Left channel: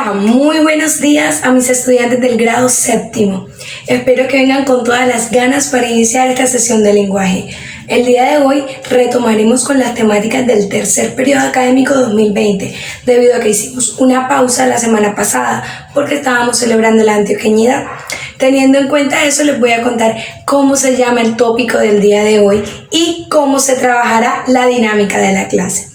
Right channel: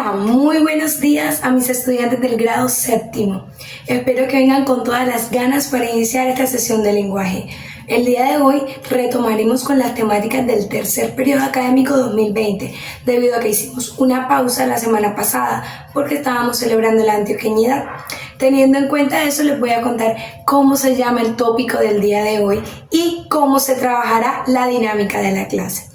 Hola, muy buenos días a mis estudiantes del grado séptimo. Espero que vengan con todas las ganas para iniciar esta sesión de lenguaje. El día de hoy retomaremos con las temáticas del tercer periodo académico 2020, debido a que hicimos una pausa la semana pasada porque estábamos celebrando la antioqueñidad. Teniendo en cuenta eso, les voy a contar cómo se llama el tópico del día de hoy y cómo se trabajará la dinámica de la clase.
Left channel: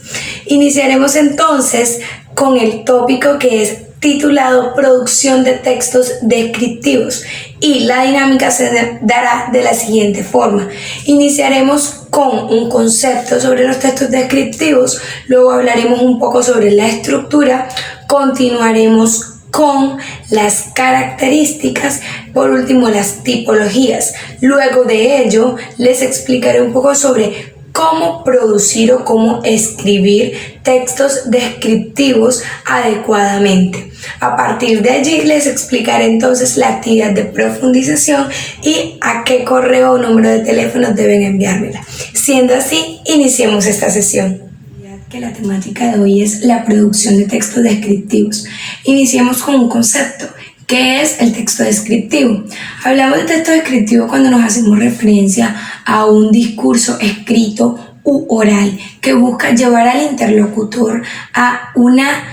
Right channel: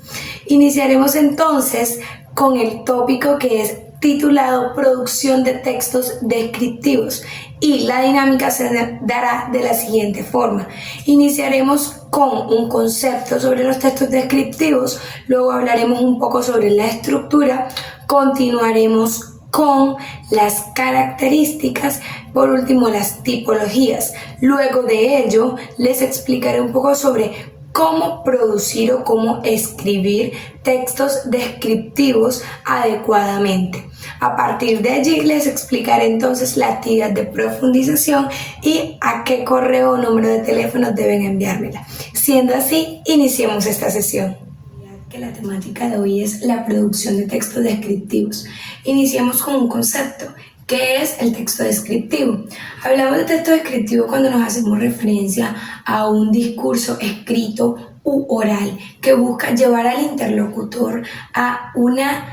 Iniciaremos entonces con el tópico que es titulado Producción de textos descriptivos, y la dinámica se dará de la siguiente forma. Iniciaremos con un concepto sobre los textos descriptivos, luego hablaremos un poco sobre la estructura, continuaremos con las características, por último las tipologías. Luego de ello les explicaré un poco sobre cómo producir o cómo escribir textos descriptivos adecuadamente. A partir de allí les explicaré entonces la actividad de profundización y a qué correo o número de teléfono deben enviármela. Siendo así, iniciemos esta sesión. Que la temática de hoy es la producción de textos descriptivos. Iniciemos con un concepto. ¿Qué es el texto descriptivo? Hablamos de texto descriptivo cuando nos hacemos referencia a un discurso escrito u oral que busca llevar al interlocutor a una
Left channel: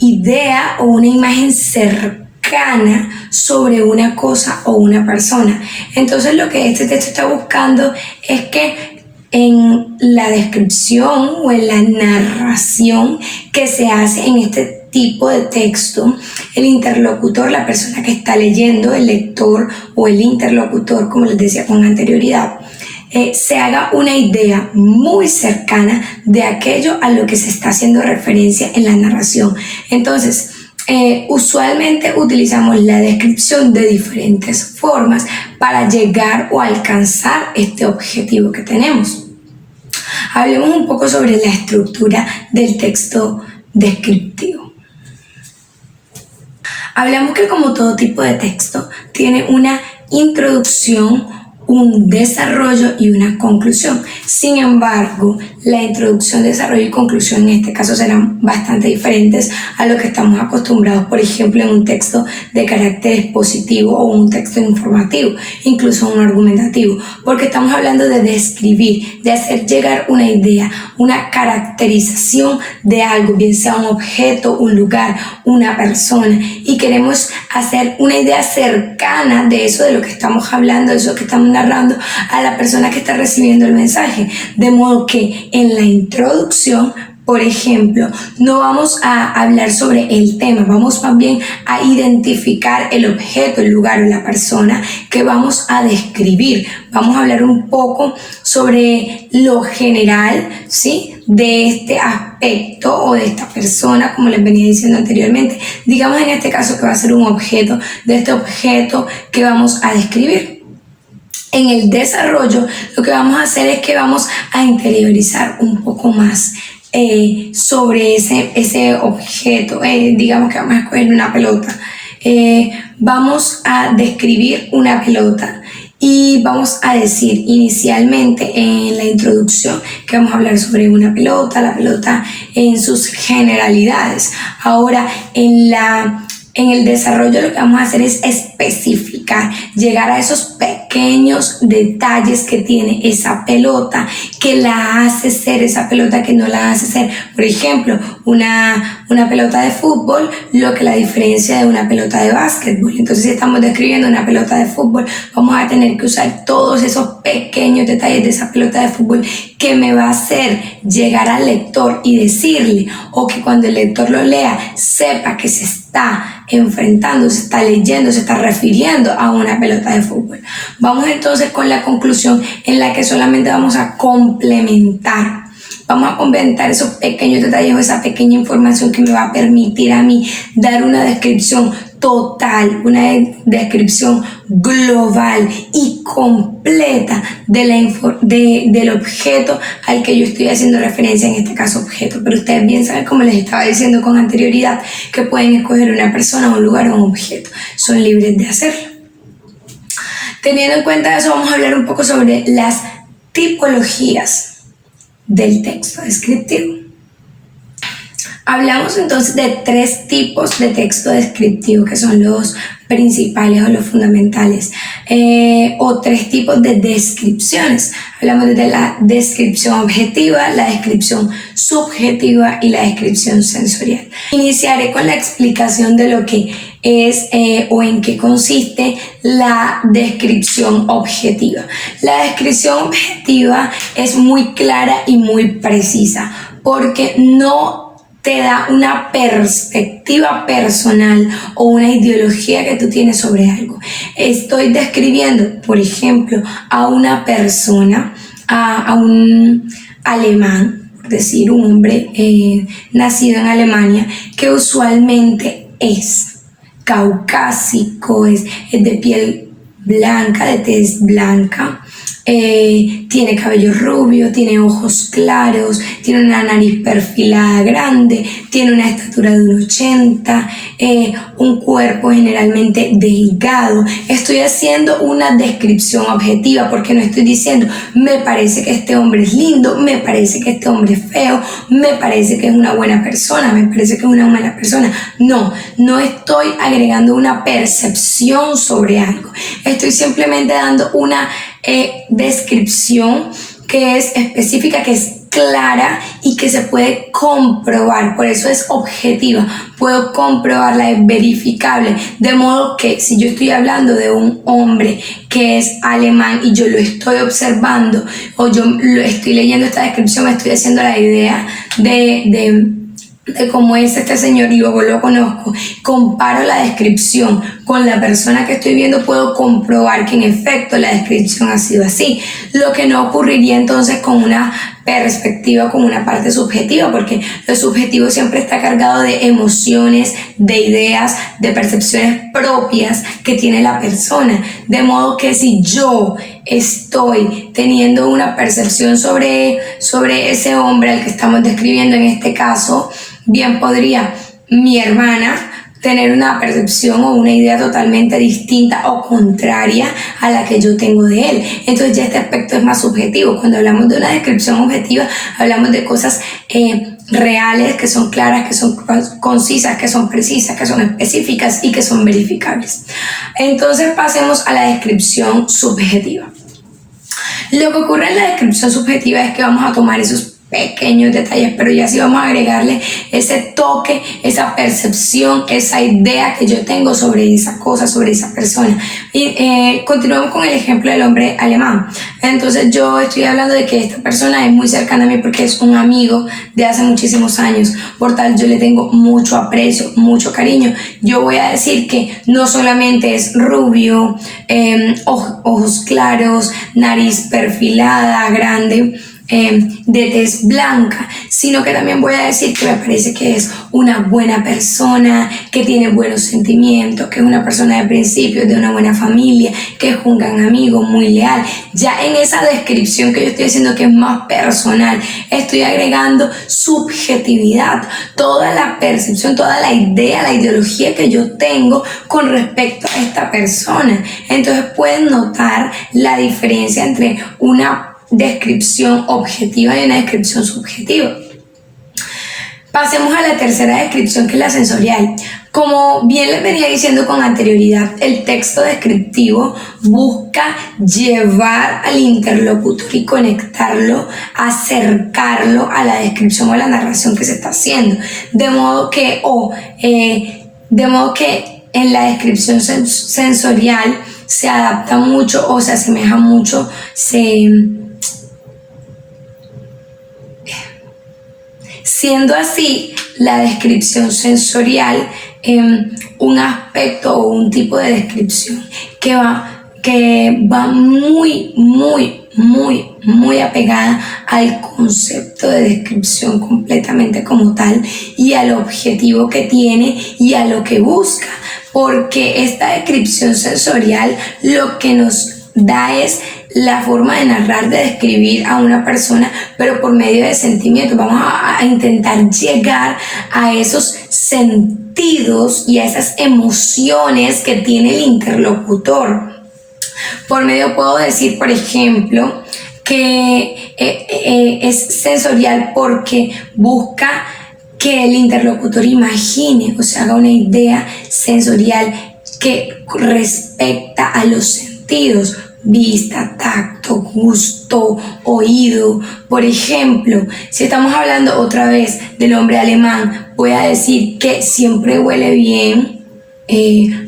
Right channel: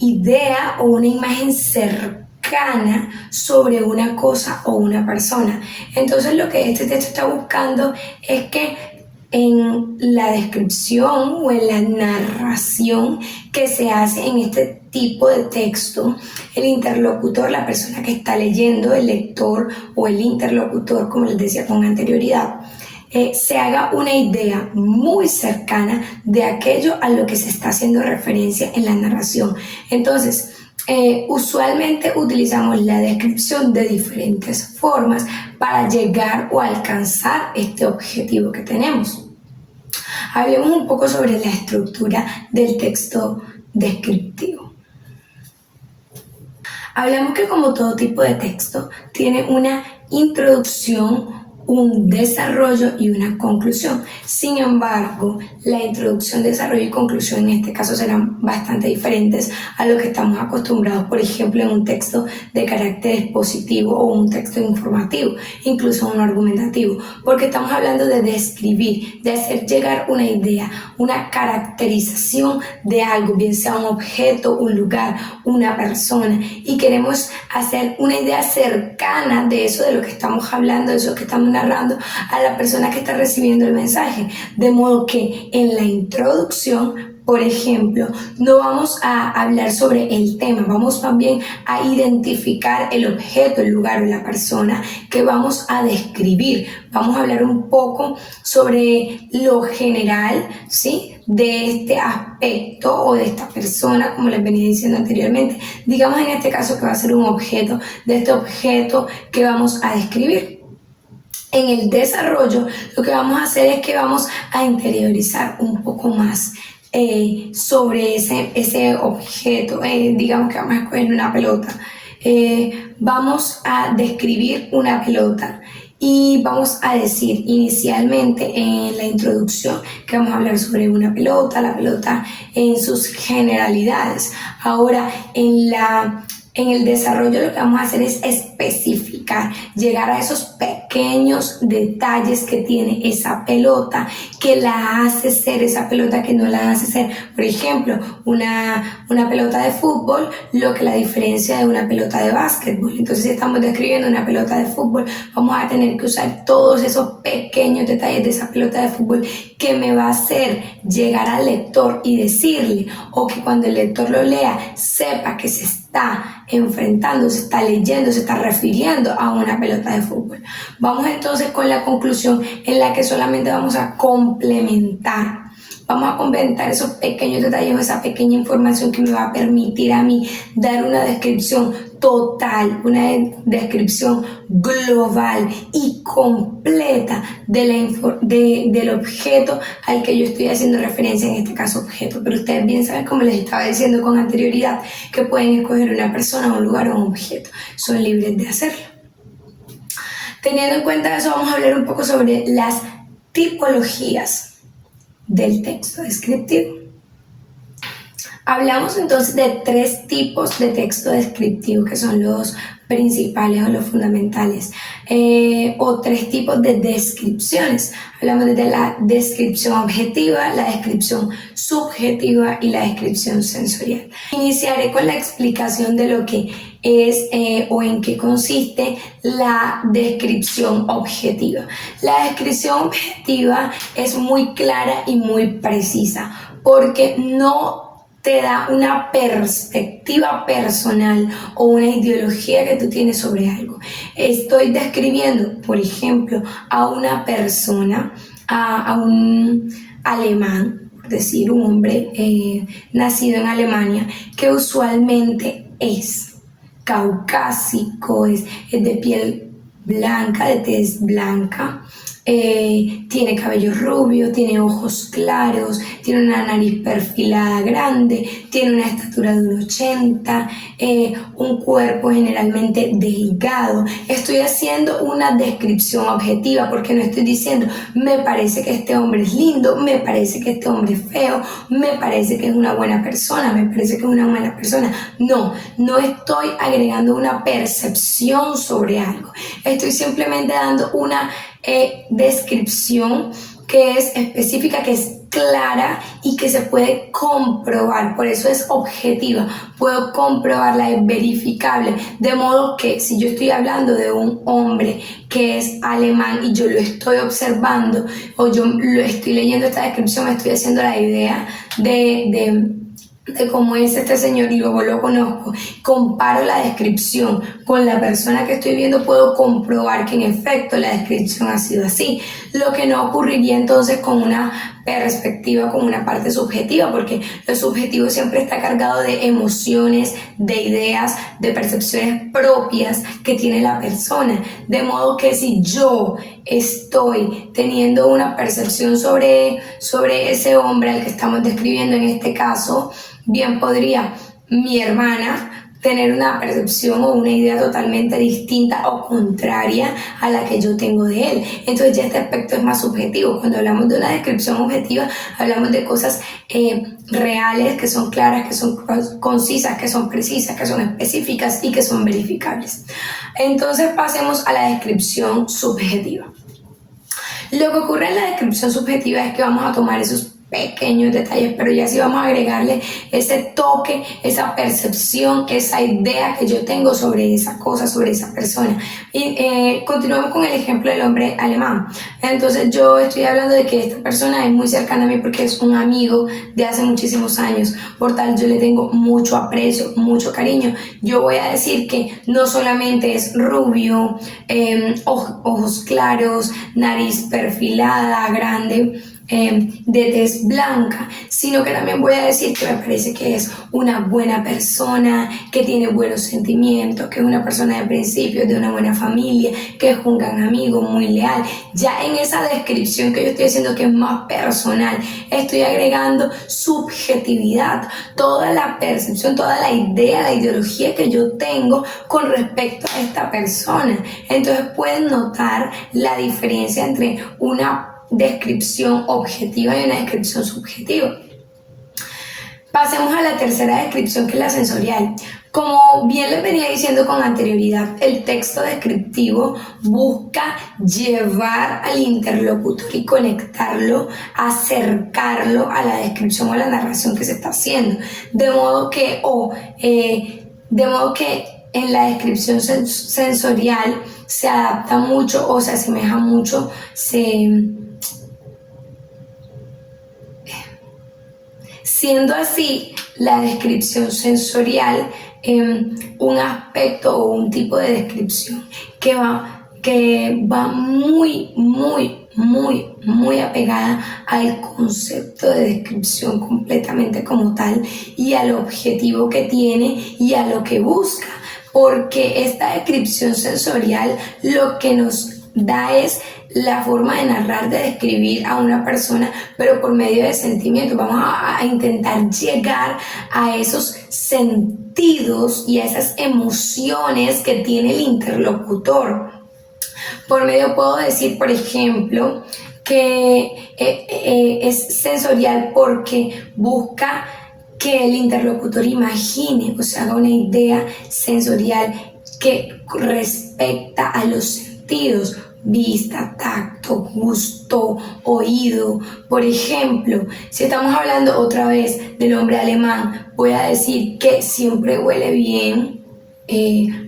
idea o una imagen cercana sobre una cosa o una persona. Entonces lo que este texto está buscando es que en la descripción o en la narración que se hace en este tipo de texto, el interlocutor, la persona que está leyendo, el lector o el interlocutor, como les decía con anterioridad, se haga una idea muy cercana de aquello a lo que se está haciendo referencia en la narración. Entonces, usualmente utilizamos la descripción de diferentes formas para llegar o alcanzar este objetivo que tenemos. Hablemos un poco sobre la estructura del texto descriptivo. Hablamos que como todo tipo de texto tiene una introducción, un desarrollo y una conclusión. Sin embargo, la introducción, desarrollo y conclusión en este caso serán bastante diferentes a lo que estamos acostumbrados, por ejemplo, en un texto de carácter expositivo o un texto informativo, incluso un argumentativo, porque estamos hablando de describir, de hacer llegar una idea, una caracterización de algo, bien sea un objeto, un lugar, una persona, y queremos hacer una idea cercana de eso, de lo que estamos hablando, de eso que estamos narrando a la persona que está recibiendo el mensaje, de modo que en la introducción, por ejemplo, no vamos a hablar sobre el tema, vamos más bien a identificar el objeto, el lugar o la persona que vamos a describir. Vamos a hablar un poco sobre lo general, ¿sí?, de este aspecto o de esta persona, como les venía diciendo anteriormente. Digamos en este caso que va a ser un objeto, de este objeto que vamos a describir. En el desarrollo, lo que vamos a hacer es que vamos a interiorizar un poco más sobre ese objeto. Digamos que vamos a escoger una pelota. Vamos a describir una pelota y vamos a decir inicialmente en la introducción que vamos a hablar sobre una pelota, la pelota en sus generalidades. Ahora en el desarrollo lo que vamos a hacer es especificar, llegar a esos pequeños detalles que tiene esa pelota, que la hace ser esa pelota, que no la hace ser, por ejemplo, una pelota de fútbol, lo que la diferencia de una pelota de básquetbol. Entonces, si estamos describiendo una pelota de fútbol, vamos a tener que usar todos esos pequeños detalles de esa pelota de fútbol que me va a hacer llegar al lector y decirle, o que cuando el lector lo lea, sepa que se está enfrentando, se está leyendo, se está refiriendo a una pelota de fútbol. Vamos entonces con la conclusión, en la que solamente vamos a complementar. Vamos a complementar esos pequeños detalles o esa pequeña información que me va a permitir a mí dar una descripción total, una descripción global y completa del objeto al que yo estoy haciendo referencia, en este caso objeto. Pero ustedes bien saben, como les estaba diciendo con anterioridad, que pueden escoger una persona, un lugar o un objeto. Son libres de hacerlo. Teniendo en cuenta eso, vamos a hablar un poco sobre las tipologías del texto descriptivo. Hablamos entonces de 3 tipos de texto descriptivo que son los principales o los fundamentales, o 3 tipos de descripciones. Hablamos de la descripción objetiva, la descripción subjetiva y la descripción sensorial. Iniciaré con la explicación de lo que es o en qué consiste la descripción objetiva. La descripción objetiva es muy clara y muy precisa porque no te da una perspectiva personal o una ideología que tú tienes sobre algo. Estoy describiendo, por ejemplo, a una persona, a un alemán, por decir, un hombre nacido en Alemania, que usualmente es caucásico, es de piel blanca, de tez blanca, tiene cabello rubio, tiene ojos claros, tiene una nariz perfilada grande, tiene una estatura de 1,80, un cuerpo generalmente delgado. Estoy haciendo una descripción objetiva porque no estoy diciendo me parece que este hombre es lindo, me parece que este hombre es feo, me parece que es una buena persona, me parece que es una mala persona. No estoy agregando una percepción sobre algo. Estoy simplemente dando una descripción que es específica, que es clara y que se puede comprobar, por eso es objetiva, puedo comprobarla, es verificable, de modo que si yo estoy hablando de un hombre que es alemán y yo lo estoy observando o yo lo estoy leyendo esta descripción, me estoy haciendo la idea de cómo es este señor y luego lo conozco, comparo la descripción con la persona que estoy viendo, puedo comprobar que en efecto la descripción ha sido así, lo que no ocurriría entonces con una perspectiva, con una parte subjetiva, porque lo subjetivo siempre está cargado de emociones, de ideas, de percepciones propias que tiene la persona, de modo que si yo estoy teniendo una percepción sobre ese hombre al que estamos describiendo en este caso, bien podría mi hermana tener una percepción o una idea totalmente distinta o contraria a la que yo tengo de él. Entonces ya este aspecto es más subjetivo. Cuando hablamos de una descripción objetiva, hablamos de cosas reales, que son claras, que son concisas, que son precisas, que son específicas y que son verificables. Entonces pasemos a la descripción subjetiva. Lo que ocurre en la descripción subjetiva es que vamos a tomar esos pequeños detalles, pero ya sí vamos a agregarle ese toque, esa percepción, esa idea que yo tengo sobre esa cosa, sobre esa persona. Y continuamos con el ejemplo del hombre alemán. Entonces yo estoy hablando de que esta persona es muy cercana a mí porque es un amigo de hace muchísimos años, por tal yo le tengo mucho aprecio, mucho cariño. Yo voy a decir que no solamente es rubio, ojos claros, nariz perfilada, grande, de tez blanca, sino que también voy a decir que me parece que es una buena persona, que tiene buenos sentimientos, que es una persona de principios, de una buena familia, que es un gran amigo, muy leal. Ya en esa descripción que yo estoy haciendo, que es más personal, estoy agregando subjetividad, toda la percepción, toda la idea, la ideología que yo tengo con respecto a esta persona. Entonces pueden notar la diferencia entre una descripción objetiva y una descripción subjetiva. Pasemos a la tercera descripción, que es la sensorial. Como bien les venía diciendo con anterioridad, el texto descriptivo busca llevar al interlocutor y conectarlo, acercarlo a la descripción o a la narración que se está haciendo. De modo que en la descripción sensorial se adapta mucho o se asemeja mucho, siendo así la descripción sensorial un aspecto o un tipo de descripción que va muy apegada al concepto de descripción completamente como tal y al objetivo que tiene y a lo que busca, porque esta descripción sensorial lo que nos da es la forma de narrar, de describir a una persona, pero por medio de sentimientos. Vamos a intentar llegar a esos sentidos y a esas emociones que tiene el interlocutor. Por medio puedo decir, por ejemplo, que es sensorial porque busca que el interlocutor imagine o se haga una idea sensorial que respecta a los sentidos: vista, tacto, gusto, oído. Por ejemplo, si estamos hablando otra vez del hombre alemán, voy a decir que siempre huele bien,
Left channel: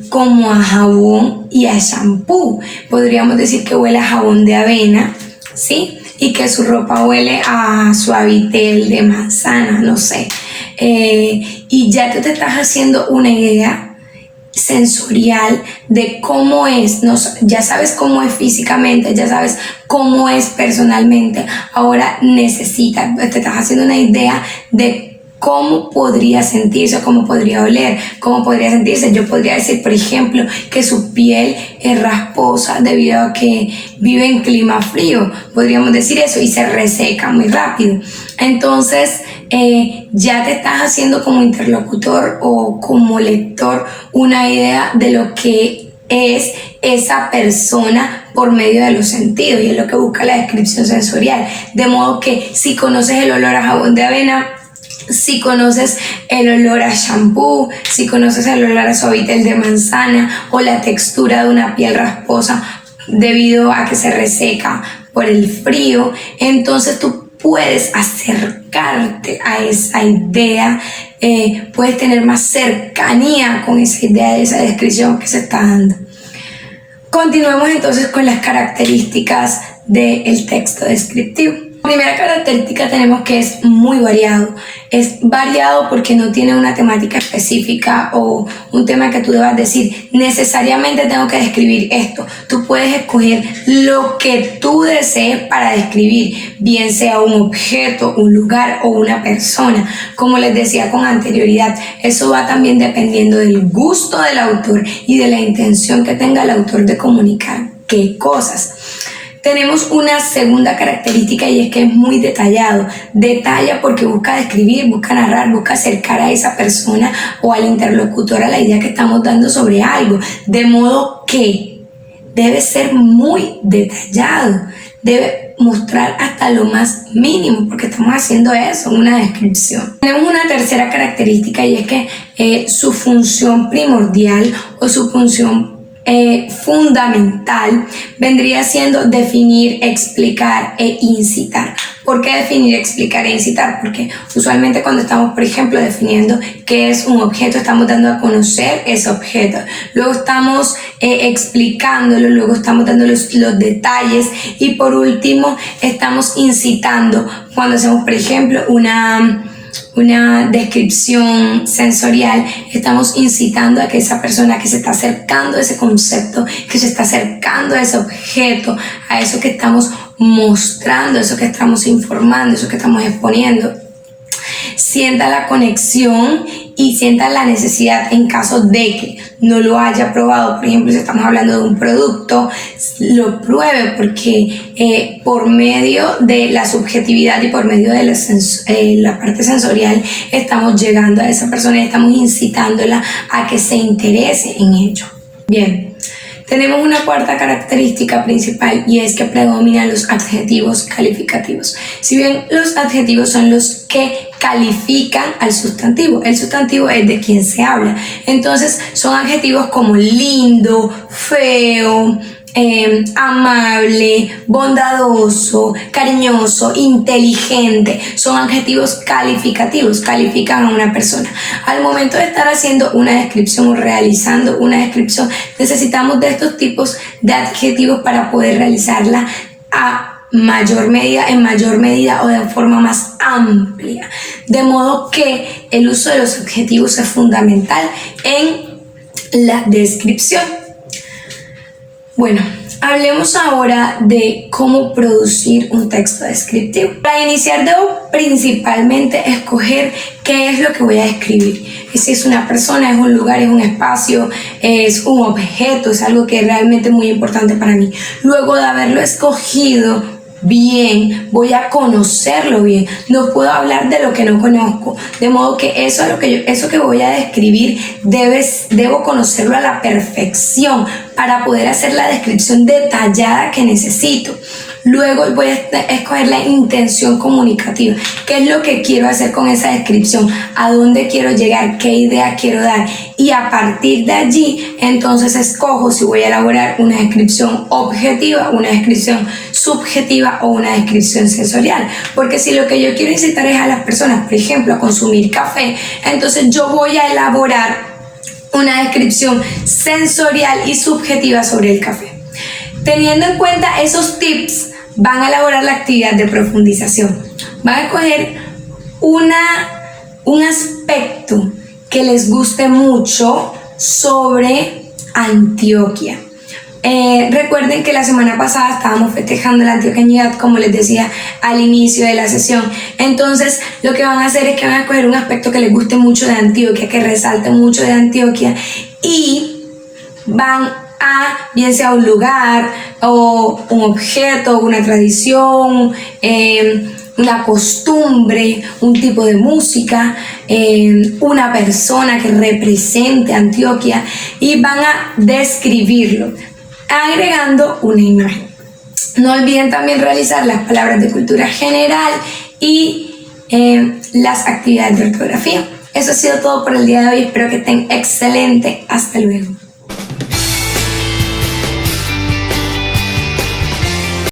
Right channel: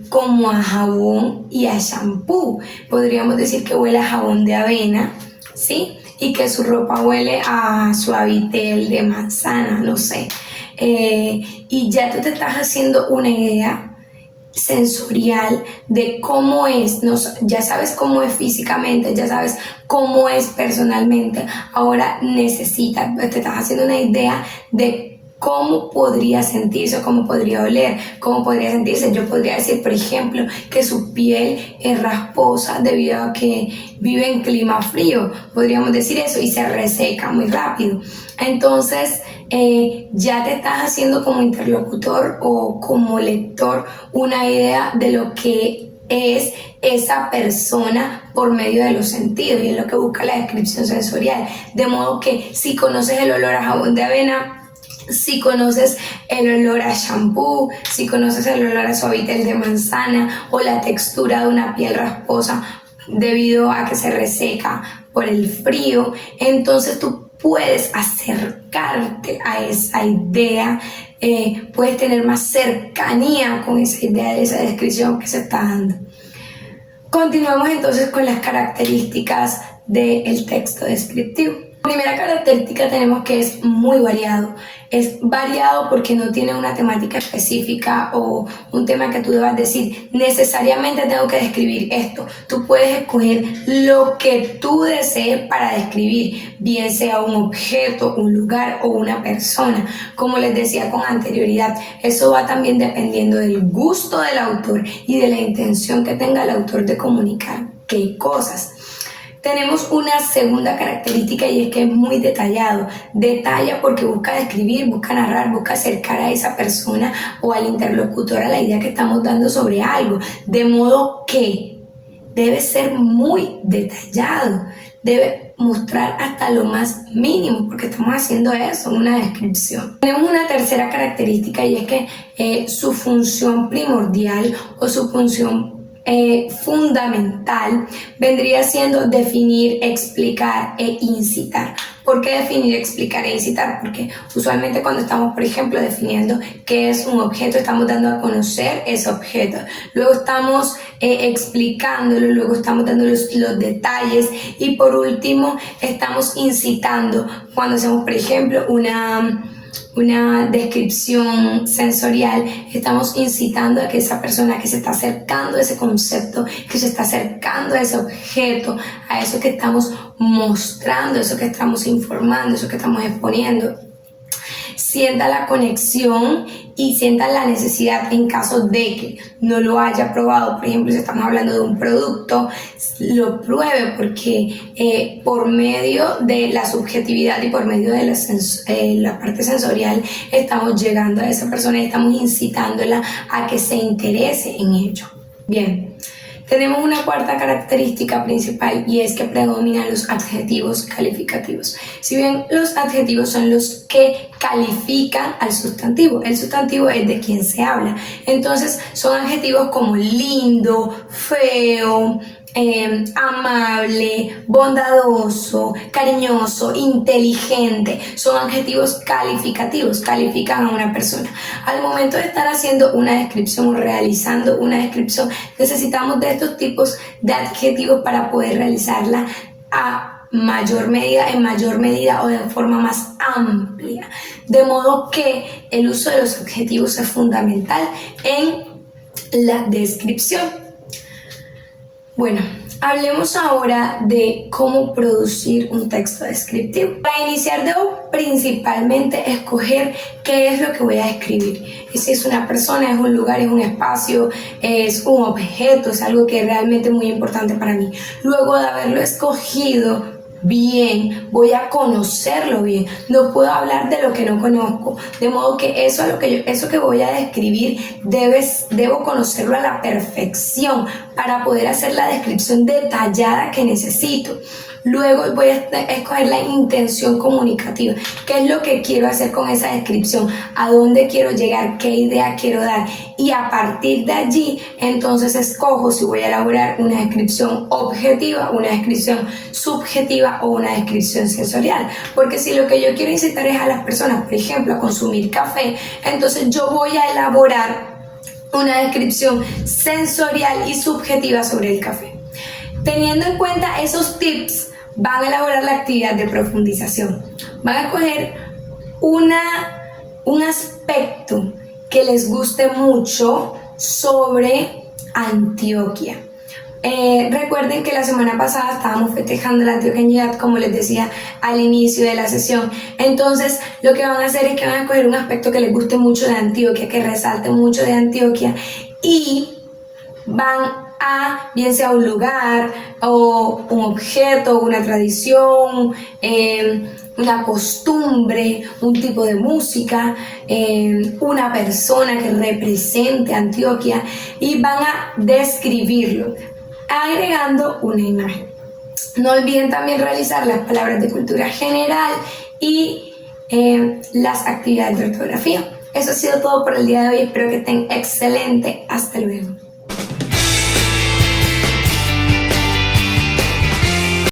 como a jabón y a shampoo. Podríamos decir que huele a jabón de avena, ¿sí? Y que su ropa huele a Suavitel de manzana, no sé. Y ya te estás haciendo una idea sensorial de cómo es, ¿no? Ya sabes cómo es físicamente, ya sabes cómo es personalmente. Ahora te estás haciendo una idea de cómo podría sentirse, cómo podría oler, cómo podría sentirse. Yo podría decir, por ejemplo, que su piel es rasposa debido a que vive en clima frío. Podríamos decir eso, y se reseca muy rápido. Entonces, ya te estás haciendo como interlocutor o como lector una idea de lo que es esa persona por medio de los sentidos, y es lo que busca la descripción sensorial. De modo que si conoces el olor a jabón de avena, si conoces el olor a shampoo, si conoces el olor a Suavitel de manzana, o la textura de una piel rasposa debido a que se reseca por el frío, entonces tú puedes acercarte a esa idea, puedes tener más cercanía con esa idea de esa descripción que se está dando. Continuamos entonces con las características del texto descriptivo. Primera característica tenemos que es muy variado. Es variado porque no tiene una temática específica o un tema que tú debas decir, necesariamente tengo que describir esto. Tú puedes escoger lo que tú desees para describir, bien sea un objeto, un lugar o una persona. Como les decía con anterioridad, eso va también dependiendo del gusto del autor y de la intención que tenga el autor de comunicar qué cosas. Tenemos una segunda característica, y es que es muy detallado. Detalla porque busca describir, busca narrar, busca acercar a esa persona o al interlocutor a la idea que estamos dando sobre algo. De modo que debe ser muy detallado. Debe mostrar hasta lo más mínimo, porque estamos haciendo eso, una descripción. Tenemos una tercera característica, y es que su función primordial o su función fundamental vendría siendo definir, explicar e incitar. ¿Por qué definir, explicar e incitar? Porque usualmente cuando estamos, por ejemplo, definiendo qué es un objeto, estamos dando a conocer ese objeto. Luego estamos explicándolo, luego estamos dando los detalles, y por último estamos incitando cuando hacemos, por ejemplo, una descripción sensorial. Estamos incitando a que esa persona que se está acercando a ese concepto, que se está acercando a ese objeto, a eso que estamos mostrando, eso que estamos informando, eso que estamos exponiendo, sienta la conexión y sienta la necesidad, en caso de que no lo haya probado. Por ejemplo, si estamos hablando de un producto, lo pruebe, porque por medio de la subjetividad y por medio de la parte sensorial estamos llegando a esa persona y estamos incitándola a que se interese en ello. Bien. Tenemos una cuarta característica principal, y es que predominan los adjetivos calificativos. Si bien los adjetivos son los que califican al sustantivo, el sustantivo es de quien se habla. Entonces son adjetivos como lindo, feo, amable, bondadoso, cariñoso, inteligente. Son adjetivos calificativos, califican a una persona. Al momento de estar haciendo una descripción o realizando una descripción, necesitamos de estos tipos de adjetivos para poder realizarla en mayor medida o de forma más amplia. De modo que el uso de los adjetivos es fundamental en la descripción. Bueno, hablemos ahora de cómo producir un texto descriptivo. Para iniciar debo principalmente escoger qué es lo que voy a describir. Si es una persona, es un lugar, es un espacio, es un objeto, es algo que es realmente muy importante para mí. Luego de haberlo escogido bien, voy a conocerlo bien. No puedo hablar de lo que no conozco, de modo que eso que voy a describir debo conocerlo a la perfección para poder hacer la descripción detallada que necesito. Luego voy a escoger la intención comunicativa. ¿Qué es lo que quiero hacer con esa descripción? ¿A dónde quiero llegar? ¿Qué idea quiero dar? Y a partir de allí, entonces escojo si voy a elaborar una descripción objetiva, una descripción subjetiva o una descripción sensorial. Porque si lo que yo quiero incitar es a las personas, por ejemplo, a consumir café, entonces yo voy a elaborar una descripción sensorial y subjetiva sobre el café. Teniendo en cuenta esos tips, van a elaborar la actividad de profundización. Van a escoger un aspecto que les guste mucho sobre Antioquia. Recuerden que la semana pasada estábamos festejando la antioqueñidad, como les decía al inicio de la sesión. Entonces lo que van a hacer es que van a escoger un aspecto que les guste mucho de Antioquia, que resalte mucho de Antioquia, y van a, bien sea un lugar o un objeto, una tradición, una costumbre, un tipo de música, una persona que represente Antioquia, y van a describirlo agregando una imagen. No olviden también realizar las palabras de cultura general y las actividades de ortografía. Eso ha sido todo por el día de hoy. Espero que estén